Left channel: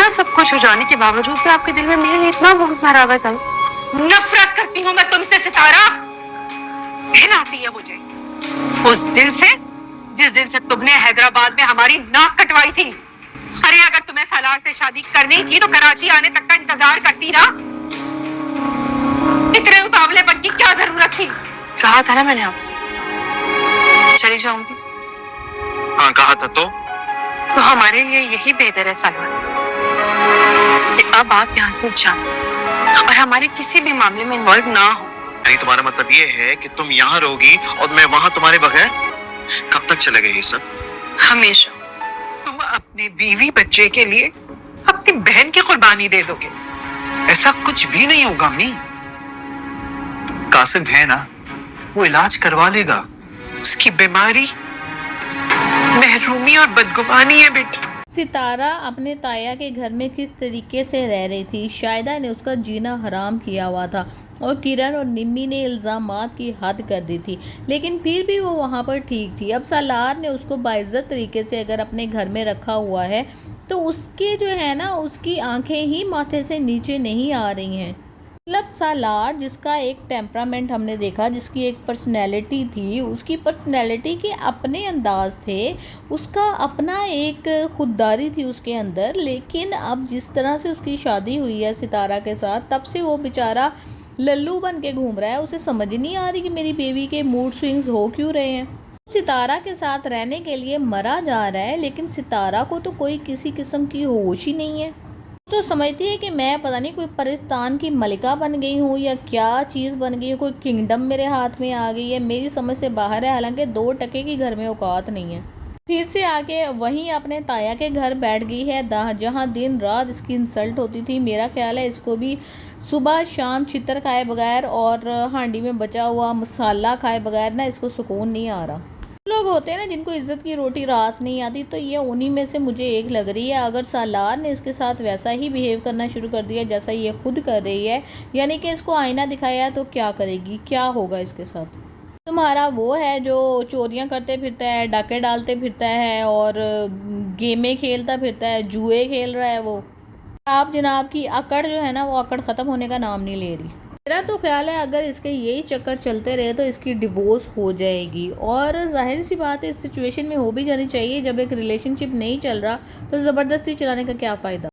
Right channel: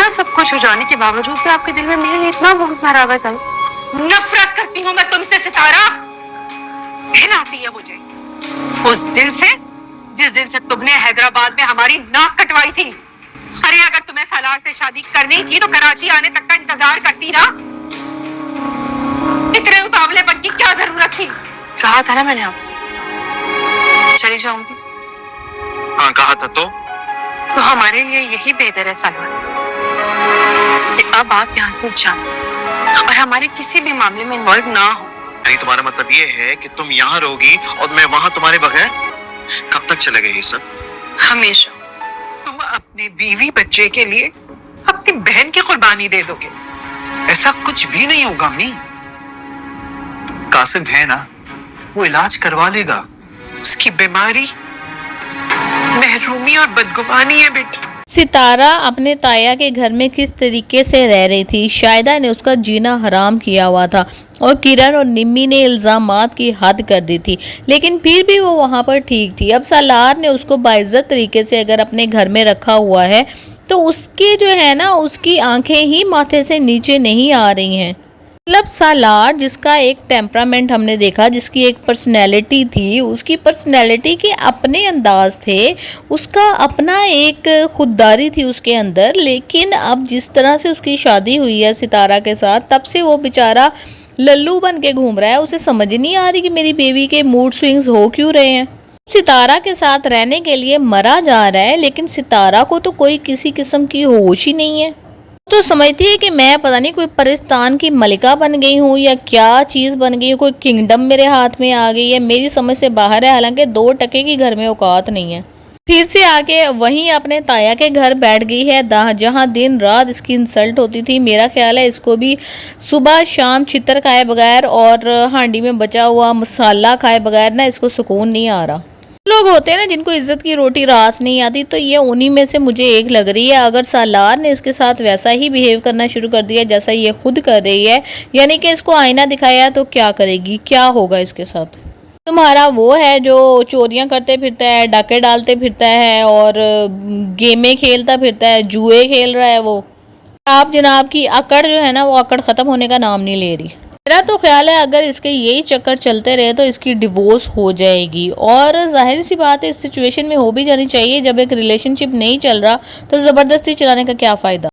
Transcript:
इतना सब कुछ हो जाने के बावजूद भी आपके दिल में मेरे लिए इतना बुग़्ज़ भरा हुआ है। नफरत करती हूँ मैं तुमसे सितारा। घिन आती है मुझे उस दिन से जिस दिन से तुमने हैदराबाद में हमारी नाक कटवाई थी। अरे अगर तुम्हें सालार से शादी करनी थी तो कराची आने तक का इंतजार करती ना। इतने उतावलेपन की क्या जरूरत थी? कहा था ना मैंने आपसे चली जाऊंगी। हाँ कहा था तो हमारे लिए यही बेहतर है सलमान कि अब आप यहाँ से जाएं और हमारे किसी भी मामले में इन्वॉल्व ना हो। यानी तुम्हारा मतलब ये है कि तुम यहाँ रहोगी और मैं वहां तुम्हारे बगैर? कब तक चलेगा ये सब? हमेशा। तुम अपने बीवी बच्चे के लिए अपनी बहन की कुर्बानी दे दोगे? ऐसा कुछ भी नहीं होगा अम्मी। कासिम है ना, वो इलाज करवा लेगा। उसकी बीमारी महरूमी और बदगुमानी है बेटा। सितारा अपने ताया के घर में किस तरीके से रह रही थी। शाहिदा ने उसका जीना हराम किया हुआ था और किरण और निम्मी ने इल्ज़ामात की हद कर दी थी, लेकिन फिर भी वो वहाँ पर ठीक थी। अब सालार ने उसको बाइज्जत तरीके से अगर अपने घर में रखा हुआ है तो उसके जो है ना, उसकी आंखें ही माथे से नीचे नहीं आ रही हैं। मतलब सालार जिसका एक टेम्परामेंट हमने देखा, जिसकी एक पर्सनैलिटी थी, उसकी पर्सनैलिटी के अपने अंदाज थे, उसका अपना एक खुददारी थी उसके अंदर। लेकिन अब जिस तरह से उसकी शादी हुई है सितारा के साथ, तब से वो बेचारा लल्लू बन के घूम रहा है। उसे समझ नहीं आ रही कि मेरी बेबी के मूड स्विंग्स हो क्यों रहे हैं। सितारा के साथ रहने के लिए मरा जा रहा है, लेकिन सितारा को तो कोई किसी किस्म की होश ही नहीं है। तो समझती है कि मैं पता नहीं कोई परिस्तान की मलिका बन गई हूँ या क्या चीज़ बन गई हूँ, कोई किंगडम मेरे हाथ में आ गई है। मेरी समझ से बाहर है, हालांकि 2 टके की घर में औकात नहीं है। फिर से आके वहीं अपने ताया के घर बैठ गई है जहाँ दिन रात इसकी इंसल्ट होती थी। मेरा ख्याल है इसको भी सुबह शाम छितर खाए बगैर और हांडी में बचा हुआ मसाला खाए बगैर ना इसको सुकून नहीं आ रहा। लोग होते हैं ना जिनको इज्जत की रोटी रास नहीं आती, तो ये उन्हीं में से मुझे एक लग रही है। अगर सालार ने इसके साथ वैसा ही बिहेव करना शुरू कर दिया जैसा ये खुद कर रही है, यानी कि इसको आईना दिखाया, तो क्या करेगी, क्या होगा इसके साथ? तुम्हारा वो है जो चोरियां करते फिरता है, डाके डालते फिरता है और गेमें खेलता फिरता है, जुए खेल रहा है वो। आप जनाब की अकड़ जो है ना, वो अकड़ ख़त्म होने का नाम नहीं ले रही। मेरा तो ख्याल है अगर इसके यही चक्कर चलते रहे तो इसकी डिवोर्स हो जाएगी। और जाहिर सी बात है इस सिचुएशन में हो भी जानी चाहिए। जब एक रिलेशनशिप नहीं चल रहा तो ज़बरदस्ती चलाने का क्या फ़ायदा।